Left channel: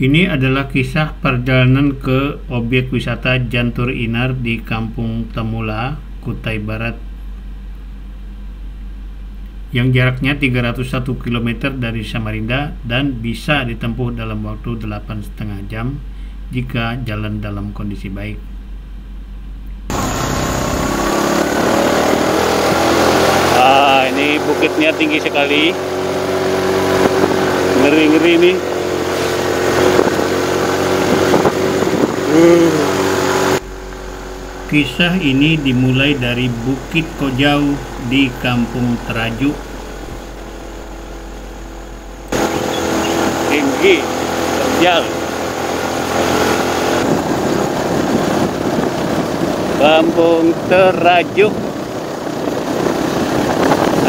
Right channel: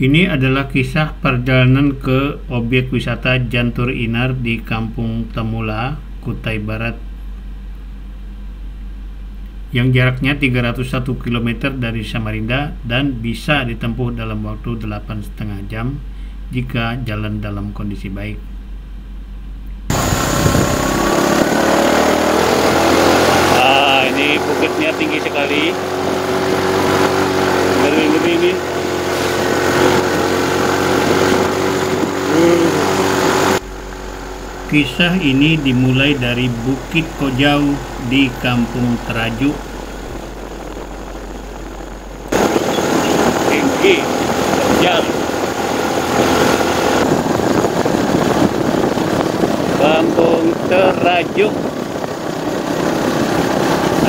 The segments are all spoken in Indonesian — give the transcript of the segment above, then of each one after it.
Ini adalah kisah perjalanan ke objek wisata Jantur Inar di Kampung Temula, Kutai Barat, yang jaraknya 301 km dari Samarinda dan bisa ditempuh dalam waktu 8,5 jam jika jalan dalam kondisi baik. Ini bukitnya tinggi sekali, ngeri-ngeri nih. Kisah ini dimulai dari Bukit Kojau di Kampung Terajuk. Tinggi, jauh. Kampung Terajuk.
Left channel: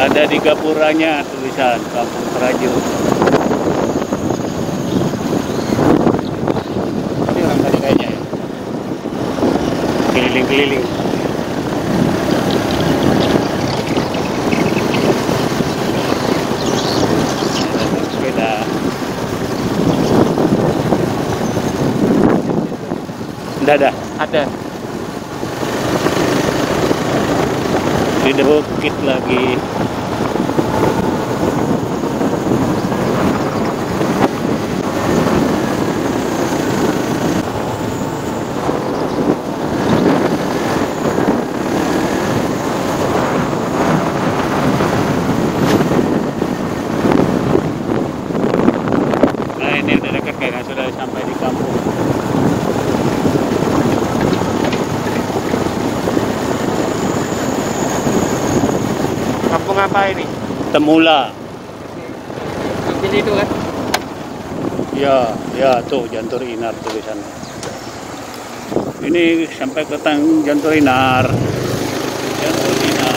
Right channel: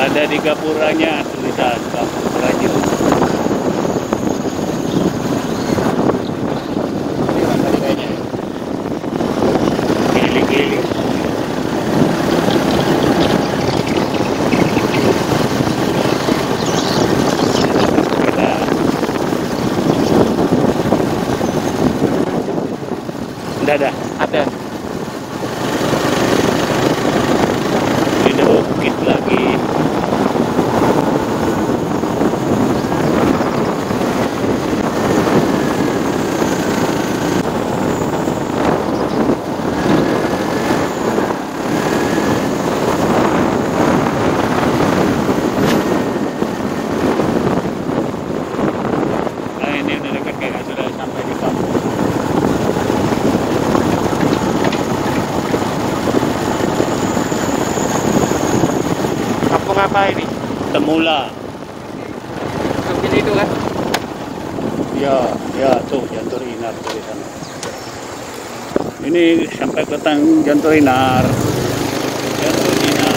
Ada di gapuranya tulisan Kampung Terajuk. Ini orang tadi kayaknya ya. Keliling-keliling. Dadah, ada. Tidak bukit lagi. Nah, ini udah dekat kayaknya, sudah sampai di kampung. Kampung apa ini? Temula. Mungkin itu kan? Ya, tuh Jantur Inar tulisannya. Ini sampai ke Jantur Inar. Jantur Inar.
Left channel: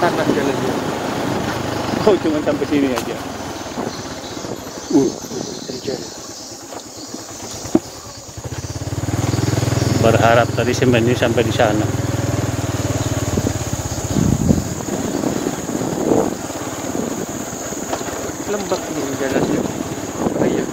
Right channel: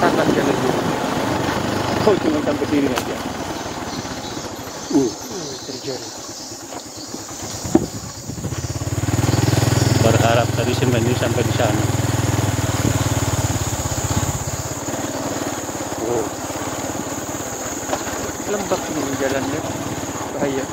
Panas jalan dulu. Cuma sampai sini aja. Terjun. Berharap tadi sebenarnya sampai di sana. Lembab nih jalannya. Iya.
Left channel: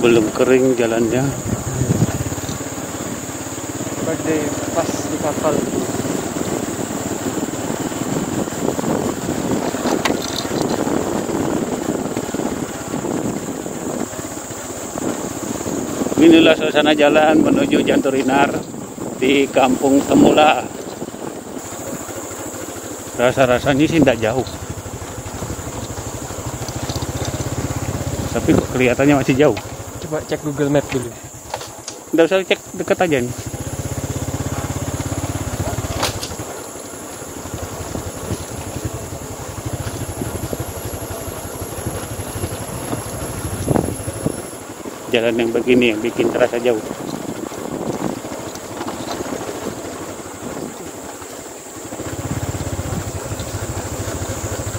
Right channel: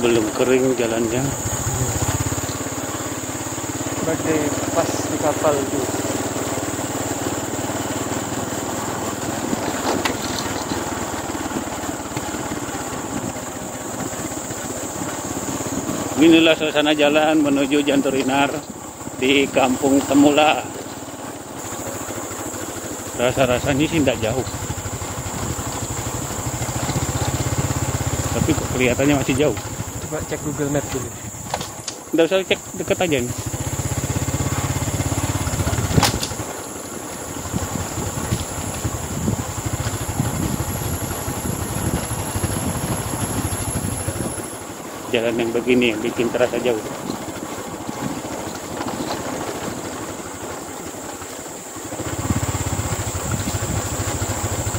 Belum kering jalannya. Sebagai pas di kapal itu. Inilah suasana jalan menuju Jantur Inar di Kampung Temula. Rasa-rasanya sih tidak jauh, tapi kelihatannya masih jauh. Coba cek Google Map dulu. Nggak usah cek, dekat aja nih. Jalan yang begini yang bikin terasa jauh.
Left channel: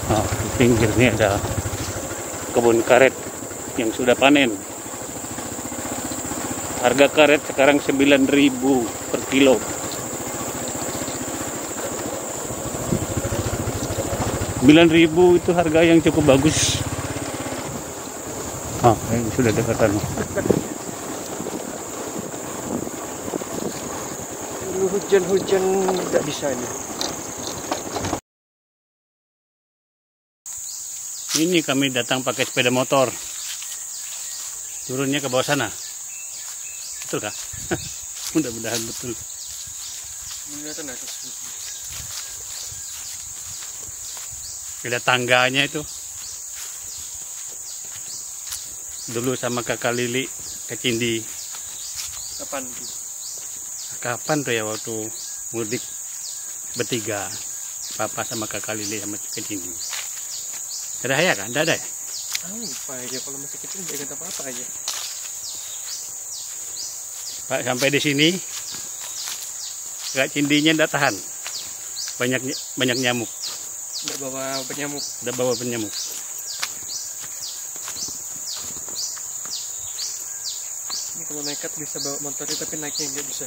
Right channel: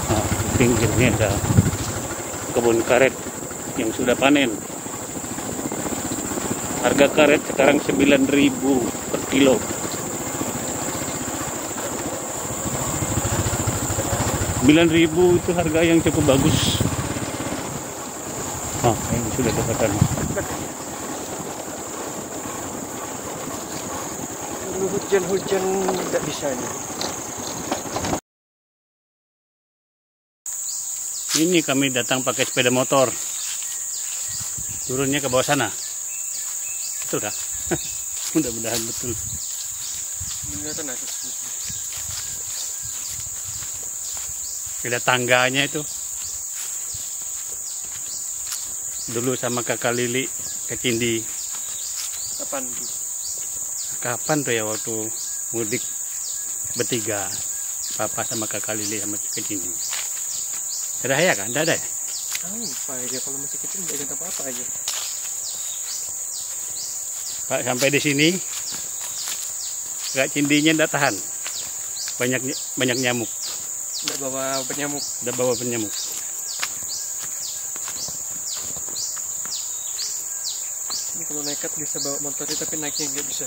Nah, di pinggirnya ada kebun karet yang sudah panen. Harga karet sekarang 9.000 per kilo. Rp9.000 itu harga yang cukup bagus. Ini sudah dekatan. Hujan-hujan nggak bisa nih. Ini kami datang pakai sepeda motor. Turunnya ke bawah sana. Betul kah? Mudah-mudahan betul. Beneran ada. Ada tangganya itu. Dulu sama kakak Lili ke Cindi. Kapan? Kapan tuh ya, waktu mudik bertiga. Papa sama kakak Lili sama ke Cindi. Ada ya kan? Tidak ada ya? Apa aja kalau masih kecil nggak ingat apa-apa aja. Pak, sampai di sini Kak Cindinya tidak tahan. Banyak nyamuk. Nggak bawa penyamuk. Udah bawa penyamuk. Ini kalau nekat bisa bawa motornya tapi naiknya nggak bisa.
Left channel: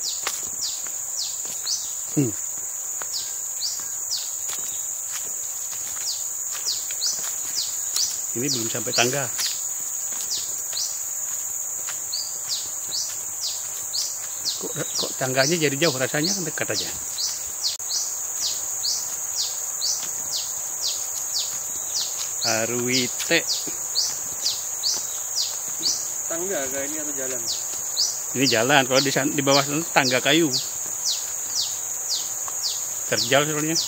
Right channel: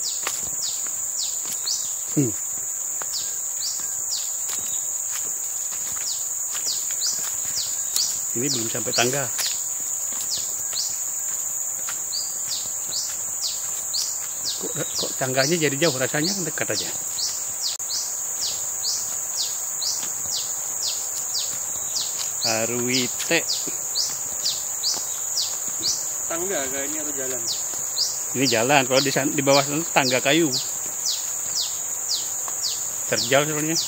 Ini belum sampai tangga. Kok tangganya jadi jauh, rasanya dekat aja. Arwite. Tangga kayak ini atau jalan? Ini jalan, kalau di bawah sana tangga kayu. Terjal soalnya.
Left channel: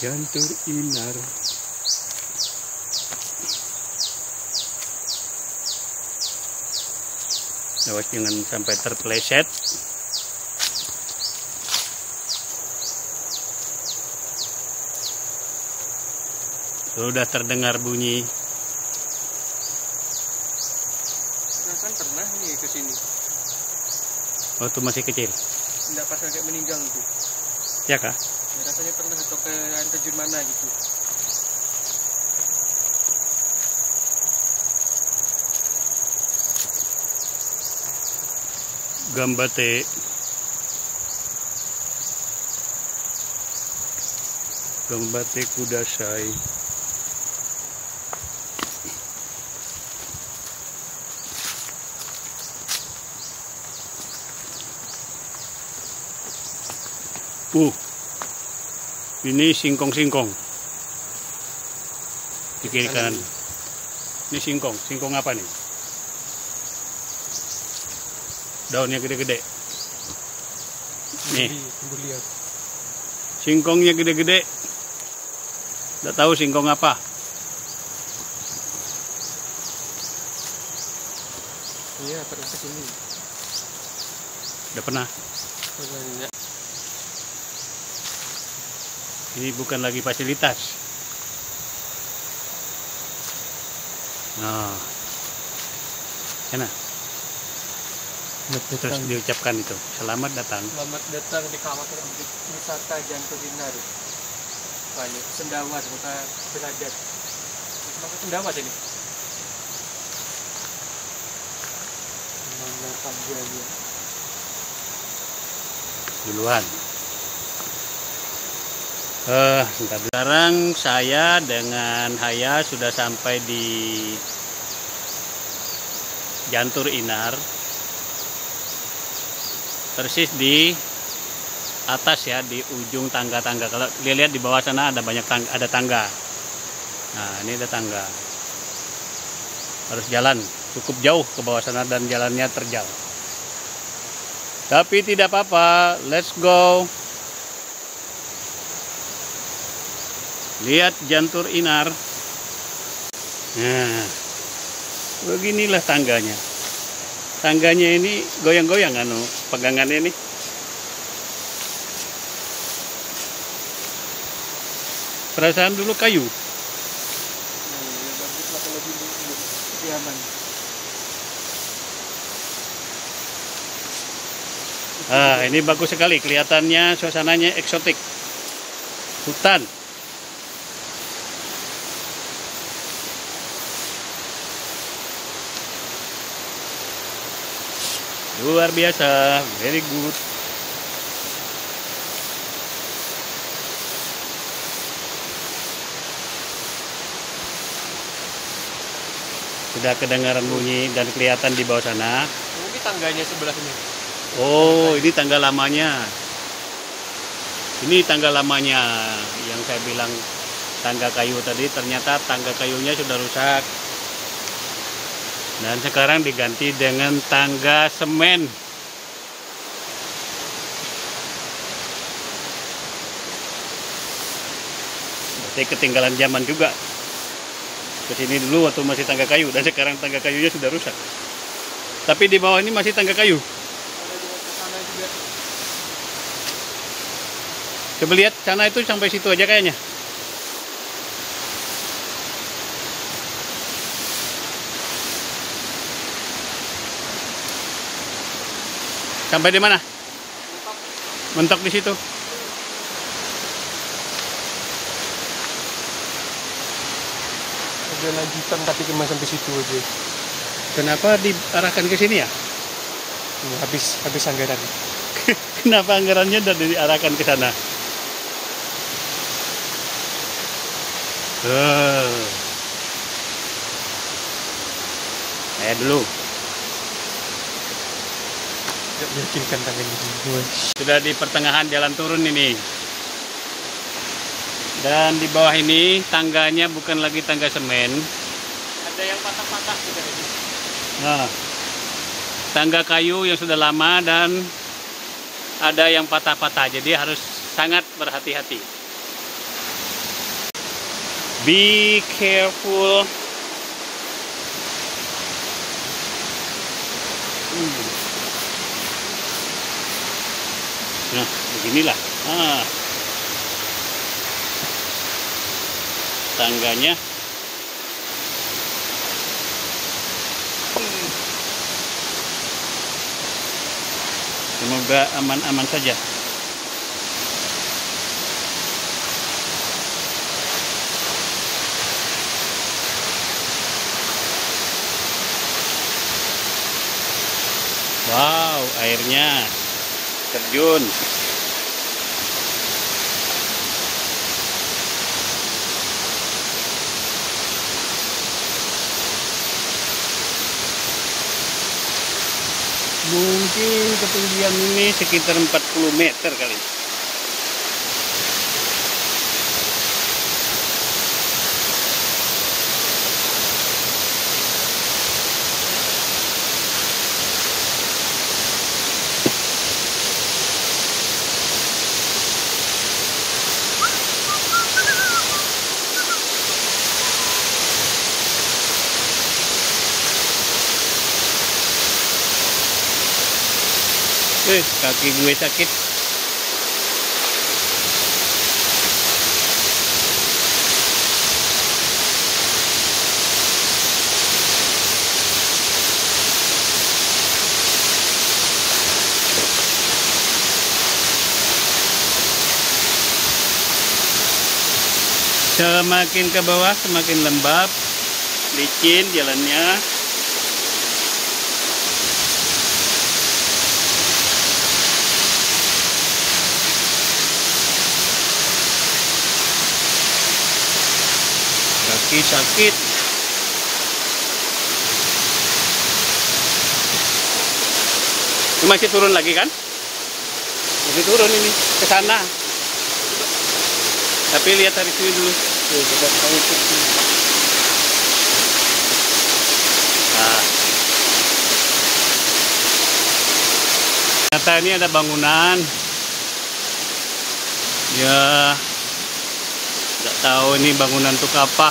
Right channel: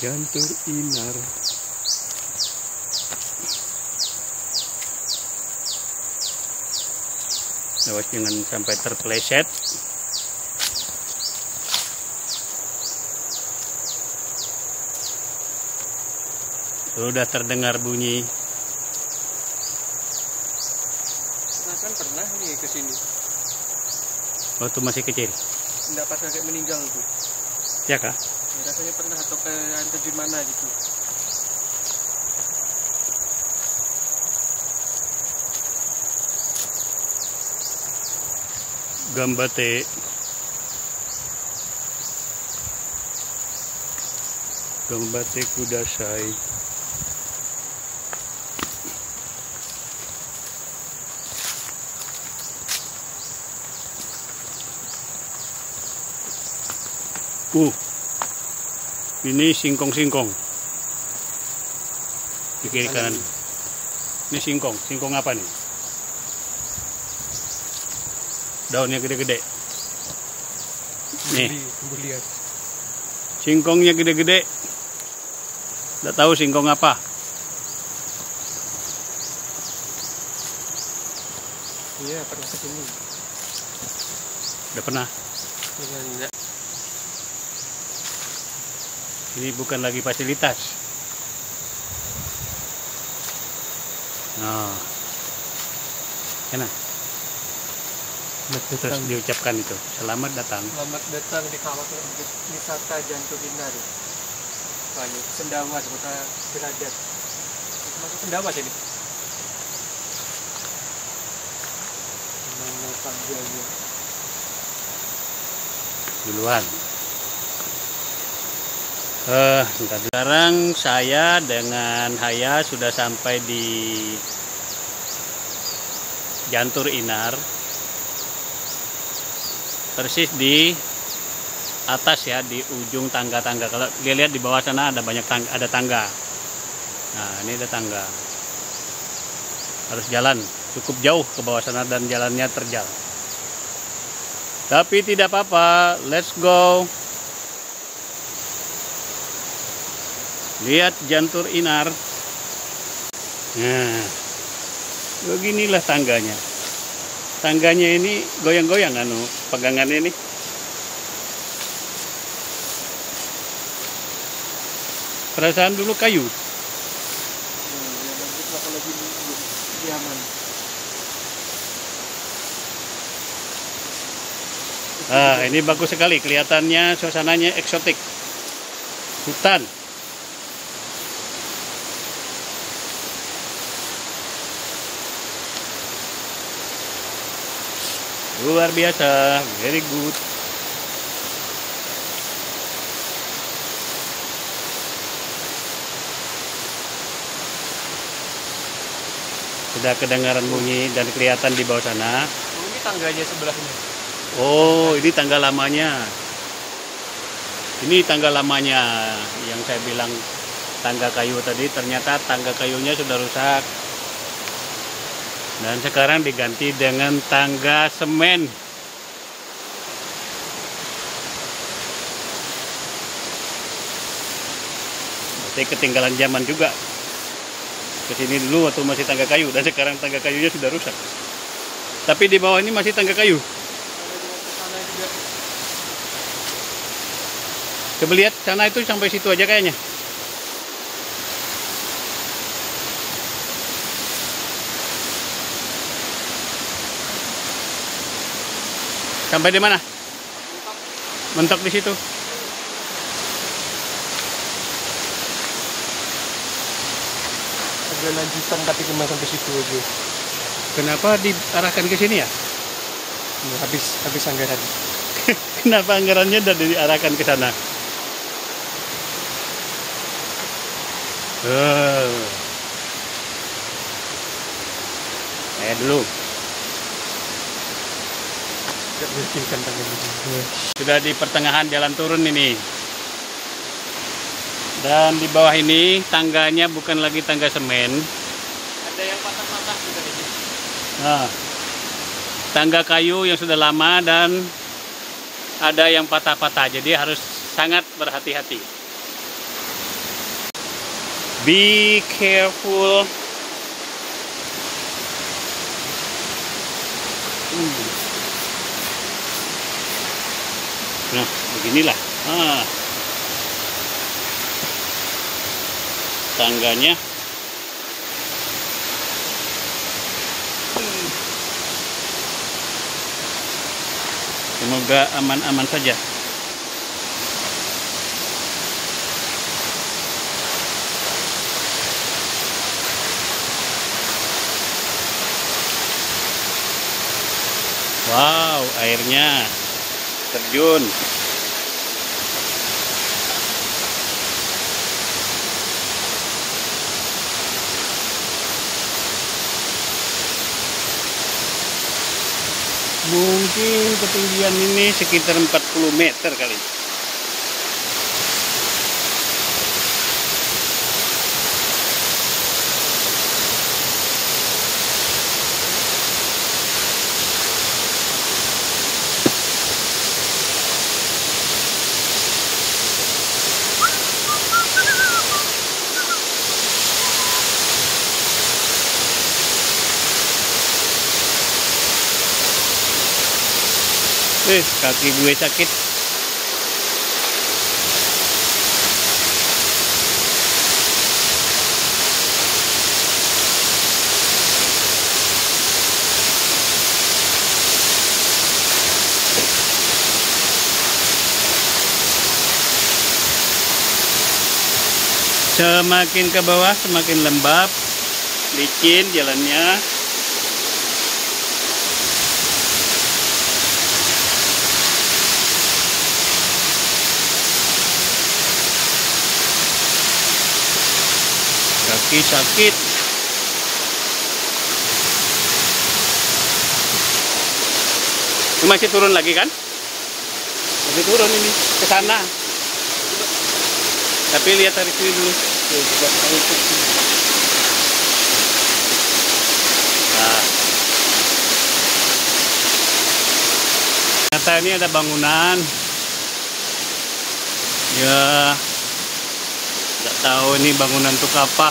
Jantur Inar. Lewat jangan sampai terpeleset. Sudah terdengar bunyi. Kan pernah nih ke sini. Waktu masih kecil. Enggak pas kayak meninggal tuh. Ya kah? Ya, rasanya pernah atau ke air terjun mana gitu. Gambate. Gambate kudasai. Ini singkong-singkong. Di kiri kanan. Ini singkong. Singkong apa nih? Daunnya gede-gede. Nih. Lihat. Singkongnya gede-gede. Nggak tahu singkong apa. Iya, pernah ke sini. Udah pernah. Pernah enggak? Ini bukan lagi fasilitas. Nah, sana. Terus diucapkan itu. Selamat datang. Selamat datang di kawasan wisata Jantur Inar. Banyak Sendawa, kota Belagat. Masuk Sendawa jadi. Mana tangganya? Duluan. Sekarang saya dengan Haya sudah sampai di Jantur Inar, persis di atas ya, di ujung tangga-tangga. Kalau dilihat di bawah sana ada banyak tangga, ada tangga. Nah, ini ada tangga. Harus jalan cukup jauh ke bawah sana dan jalannya terjal. Tapi tidak apa-apa, let's go. Lihat Jantur Inar. Nah, beginilah tangganya. Tangganya ini goyang-goyang pegangannya ini. Perasaan dulu kayu. Ya bagus lah kalau gini, lebih aman. Ini bagus sekali, kelihatannya suasananya eksotik. Hutan. Luar biasa, very good. Sudah kedengaran bunyi dan kelihatan di bawah sana. Ini tangganya sebelah sini. Oh, ini tangga lamanya. Ini tangga lamanya yang saya bilang tangga kayu tadi. Ternyata tangga kayunya sudah rusak. Dan sekarang diganti dengan tangga semen. Berarti ketinggalan zaman juga. Kesini dulu waktu masih tangga kayu, dan sekarang tangga kayunya sudah rusak. Tapi di bawah ini masih tangga kayu. Coba lihat, sana itu sampai situ aja kayaknya. Sampai di mana? Mentok di situ. Ada lanjutan tapi cuma sampai situ aja. Kenapa diarahkan ke sini ya? Ya, habis anggaran. Kenapa anggarannya dari diarahkan ke sana? Saya dulu. Tidak meyakinkan tangan ini. Sudah di pertengahan jalan turun ini. Dan di bawah ini tangganya bukan lagi tangga semen. Ada yang patah-patah juga ini. Nah, tangga kayu yang sudah lama dan ada yang patah-patah. Jadi harus sangat berhati-hati. Be careful. Nah, beginilah. Tangganya. Semoga aman-aman saja. Wow, airnya terjun. Mungkin ketinggian ini sekitar 40 meter kali. Kaki gue sakit. Semakin ke bawah semakin lembab, licin jalannya. Kaki sakit. Ini masih turun lagi kan? Masih turun ini ke sana. Tapi lihat dari sini dulu. Nah. Ternyata ini ada bangunan. Ya. Nggak tahu ini bangunan untuk apa.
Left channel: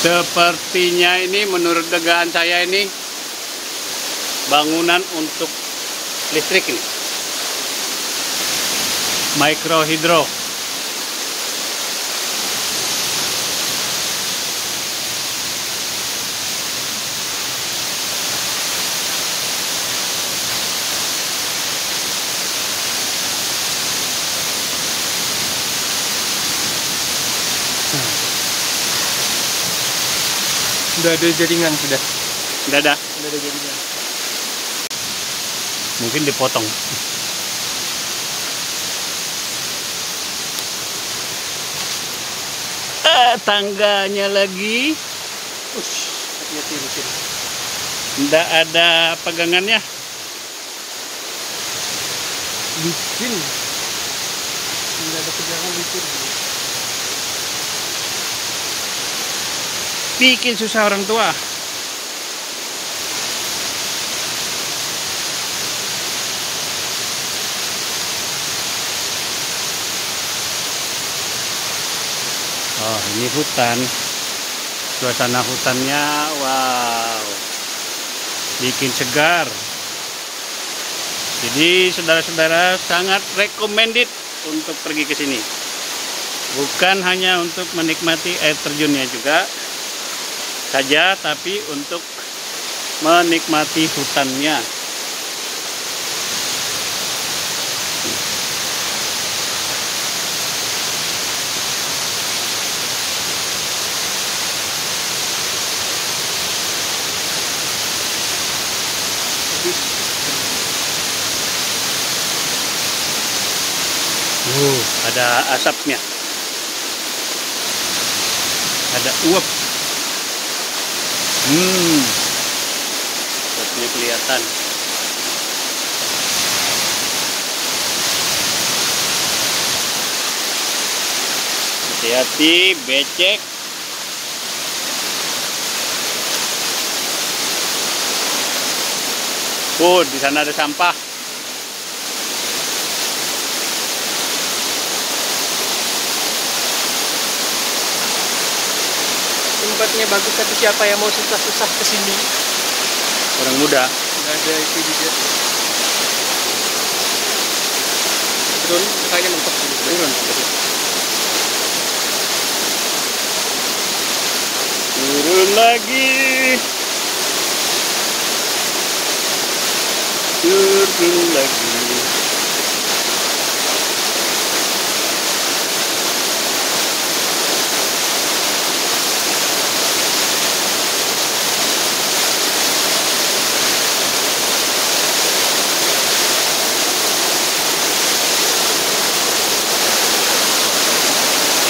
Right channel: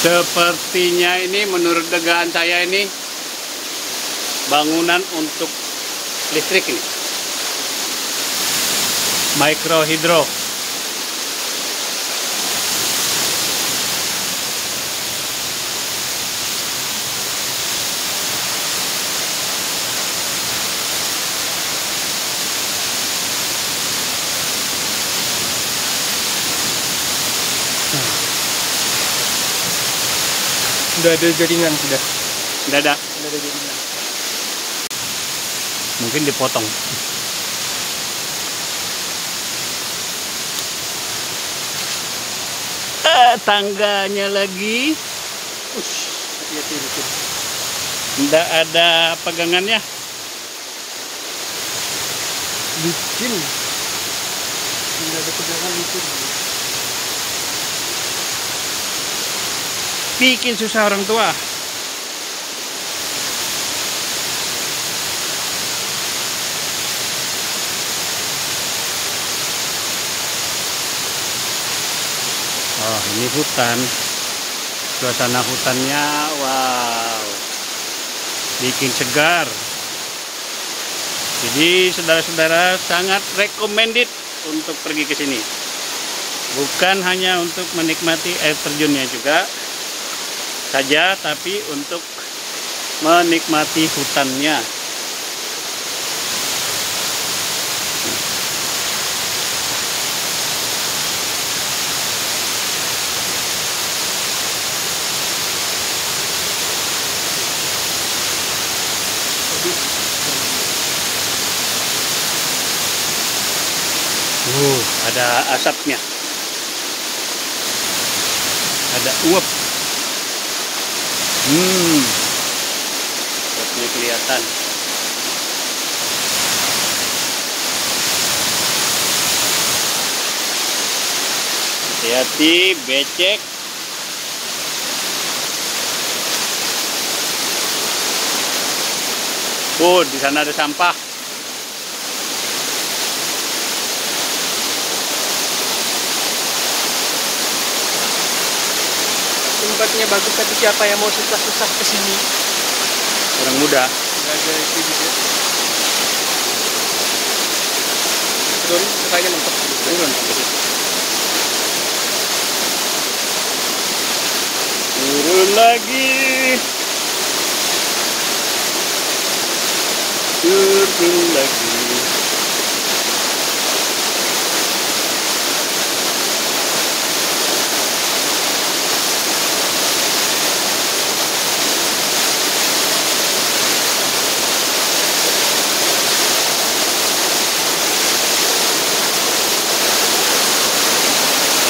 Sepertinya ini menurut dugaan saya ini bangunan untuk listrik ini. Mikrohidro. Sudah ada jaringan sudah. Sudah ada. Sudah ada jaringan. Mungkin dipotong. Tangganya lagi. Hati-hati licin. Tidak ada pegangannya. Licin. Tidak ada pegangan licin. Bikin susah orang tua. Oh, ini hutan. Suasana hutannya, wow, bikin segar. Jadi saudara-saudara sangat recommended untuk pergi ke sini. Bukan hanya untuk menikmati air terjunnya juga, saja, tapi untuk menikmati hutannya. Ada asapnya. Ada uap. Uapnya kelihatan. Hati-hati, becek. Oh, di sana ada sampah. Tempatnya bagus, tapi siapa yang mau susah-susah ke sini? Orang muda. Ada itu juga. Turun, kayaknya mentok. Turun. Turun lagi. Turun lagi.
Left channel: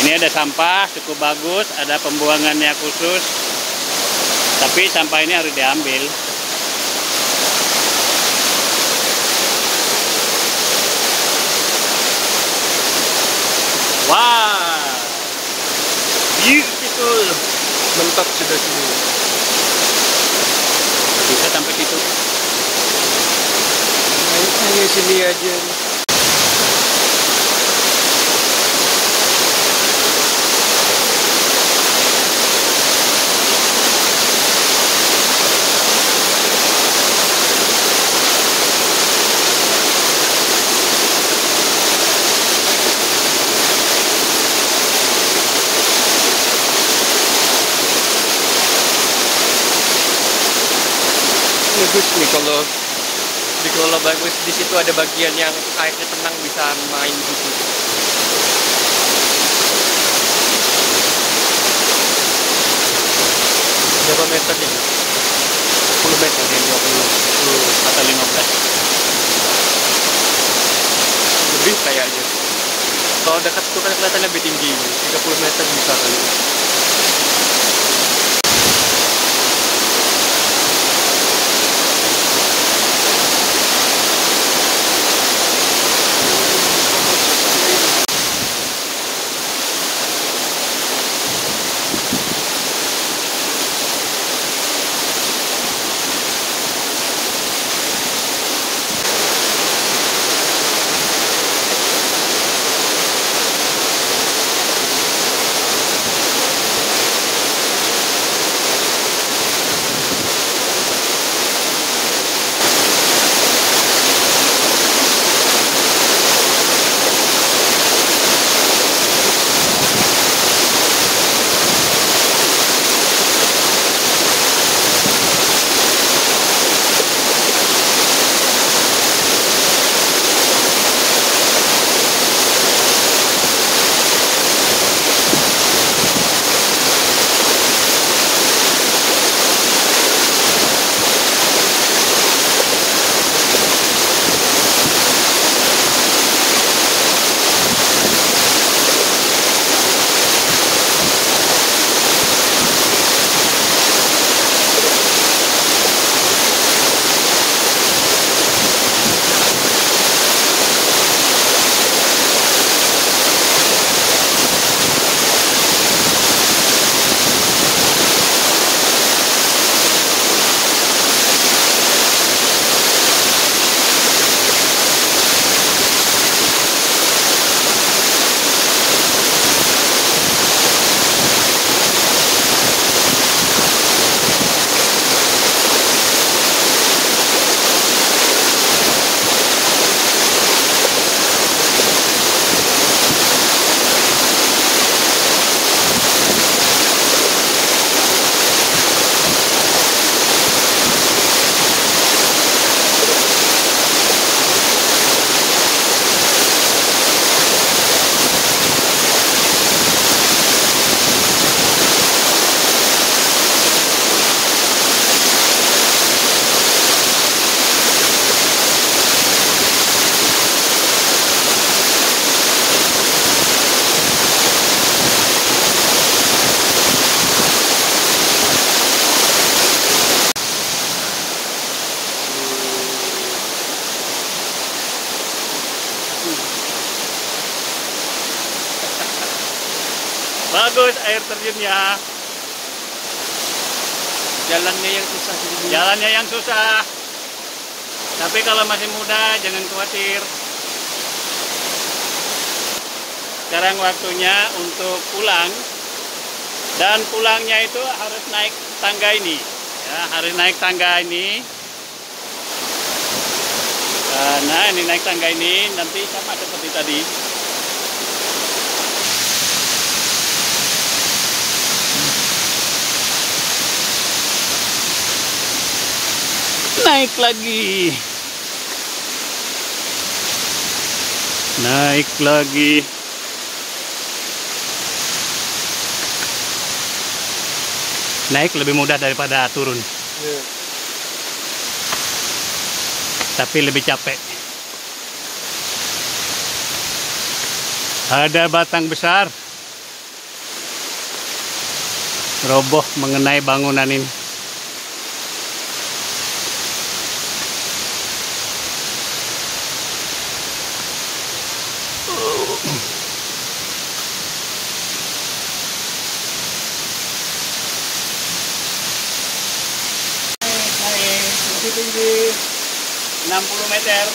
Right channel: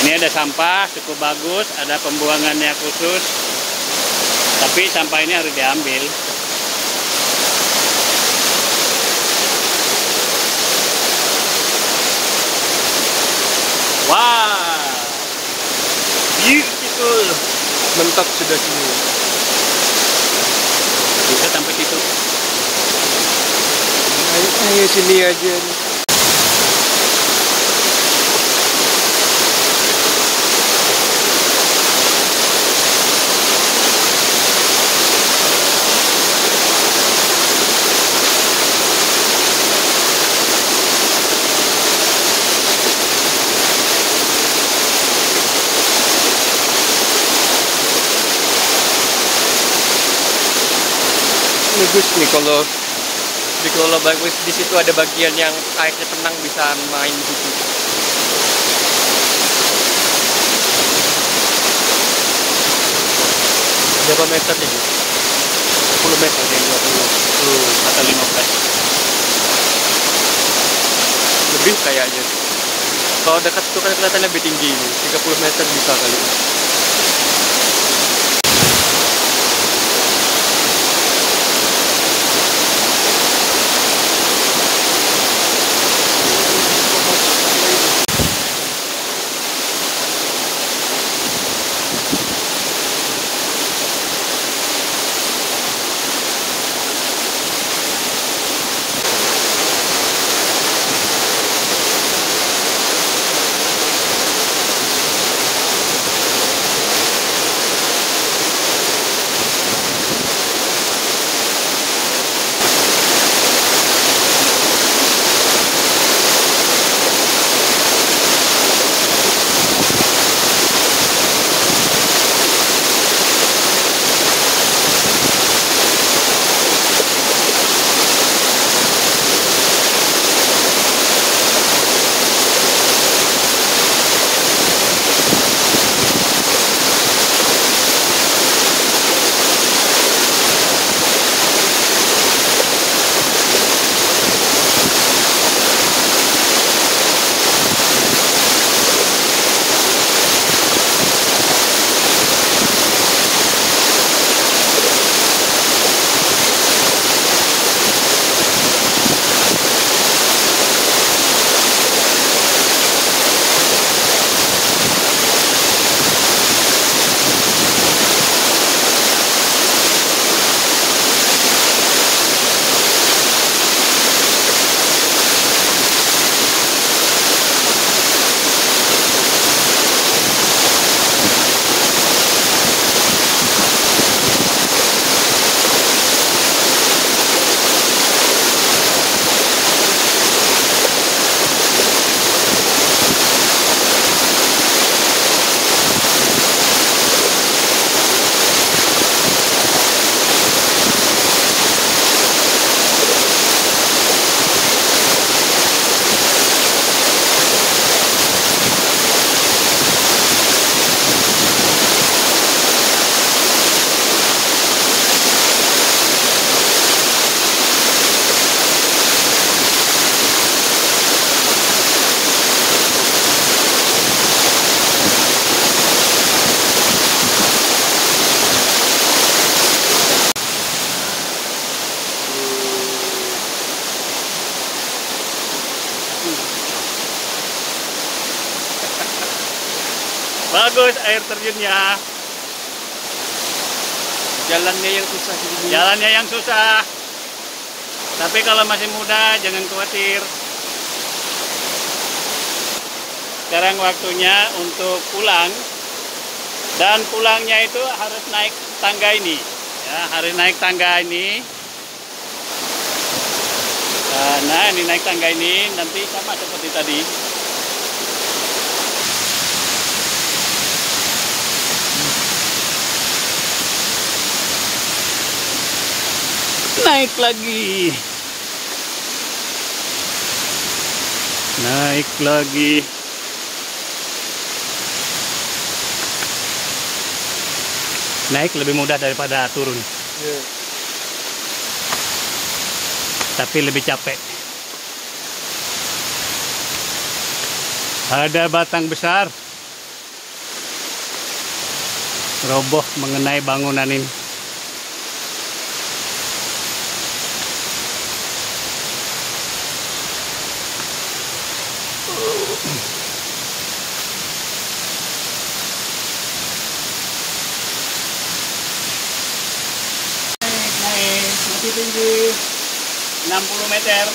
Ini ada sampah cukup bagus, ada pembuangannya khusus, tapi sampah ini harus diambil. Wah, beautiful, Mentok sudah semua. bisa sampai situ. Sini aja. Bagus nih kalau bagus di situ ada bagian yang airnya tenang, bisa main di situ. Berapa meter nih? 10 meter dan 20 atau 15 lebih kayaknya. Kalau dekat itu kan kelihatan lebih tinggi, 30 meter bisa kali. bagus air terjunnya. Jalannya yang susah jadi. Jalannya yang susah. Tapi kalau masih muda jangan khawatir. Sekarang waktunya untuk pulang. Dan pulangnya itu harus naik tangga ini. Ya, harus naik tangga ini. Nah, ini naik tangga ini nanti sama seperti tadi. Naik lagi. Naik lagi. Naik lebih mudah daripada turun. Yeah. Tapi lebih capek. Ada batang besar. Roboh mengenai bangunan ini. Naik lebih tinggi 60 meter.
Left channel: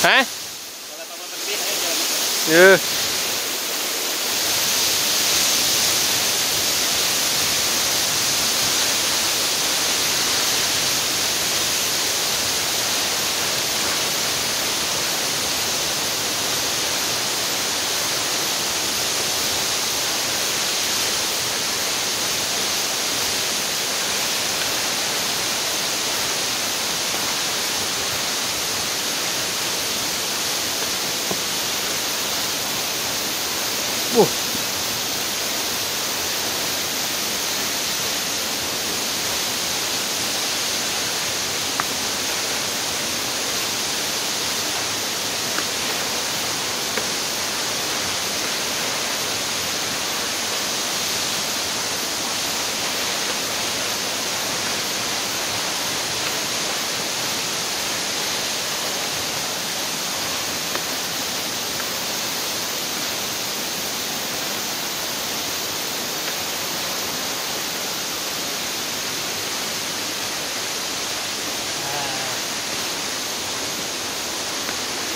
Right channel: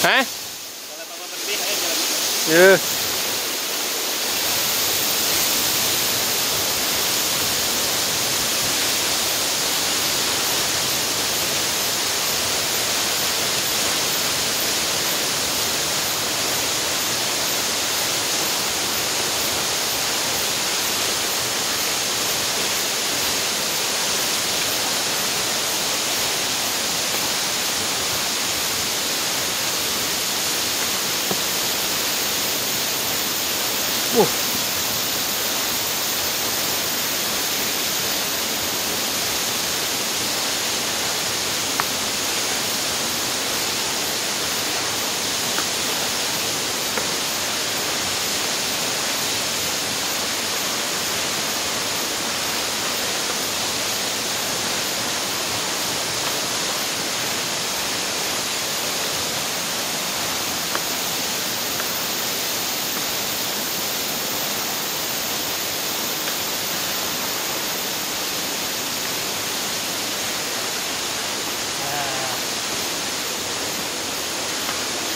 Hah? Kalau papa berhenti, ayo jalan aja. Yeah.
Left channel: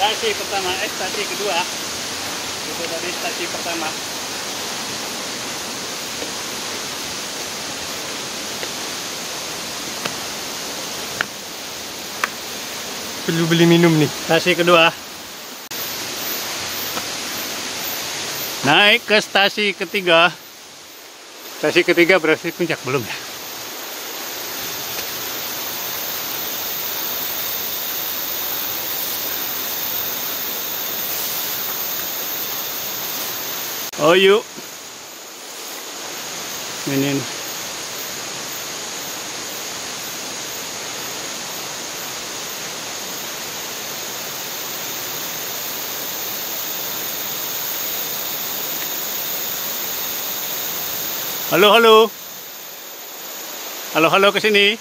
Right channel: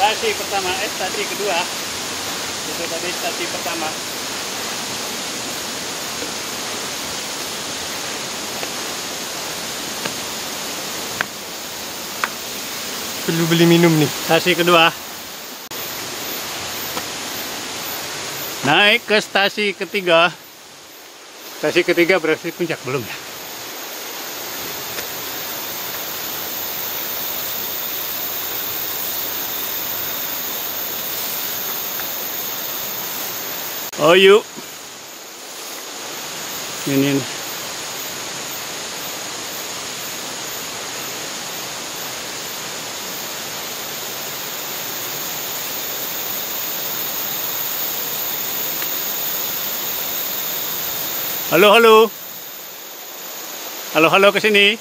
Stasi pertama, stasi kedua. Itu tadi stasi pertama. Perlu beli minum nih. Stasi kedua. Naik ke stasi ketiga. Stasi ketiga berarti puncak belum ya? Oh yuk. Ini. Halo, halo. Halo, halo ke sini.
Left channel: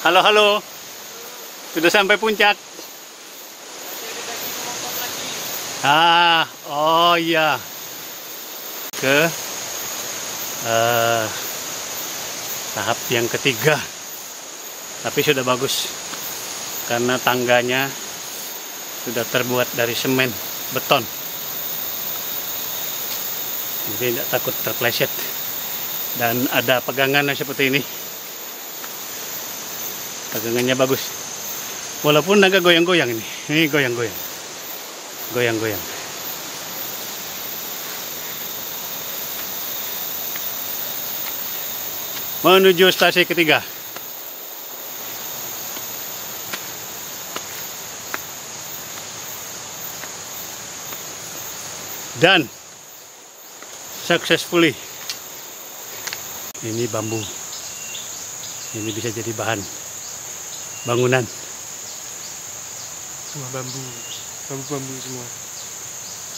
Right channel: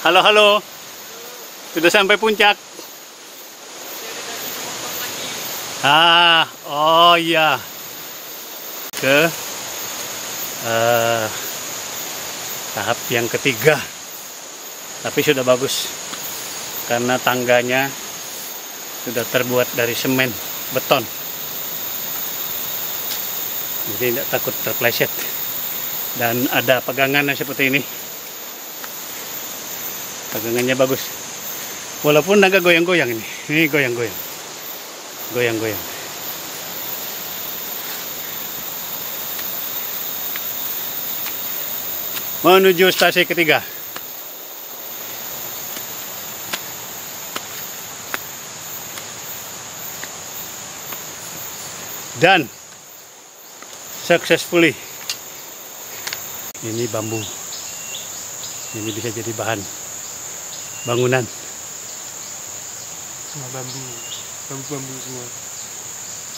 Halo, halo. Sudah sampai puncak. Ah, oh iya. Ke tahap yang ketiga, tapi sudah bagus karena tangganya sudah terbuat dari semen beton, jadi tidak takut terpleset. Dan ada pegangannya seperti ini. Pegangannya bagus. Walaupun agak goyang-goyang ini. Ini goyang-goyang. Goyang-goyang. Menuju stasi ketiga. Dan successfully. Ini bambu. Ini bisa jadi bahan bangunan. Semua bambu. Bambu semua.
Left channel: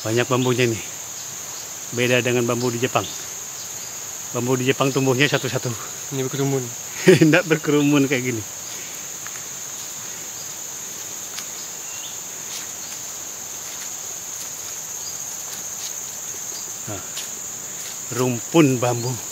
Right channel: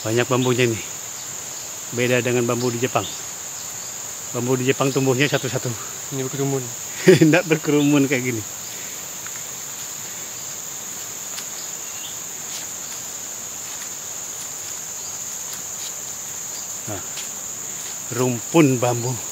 Banyak bambunya nih. Beda dengan bambu di Jepang. Bambu di Jepang tumbuhnya satu-satu. Ini berkerumun. Tidak berkerumun kayak gini. Nah, rumpun bambu.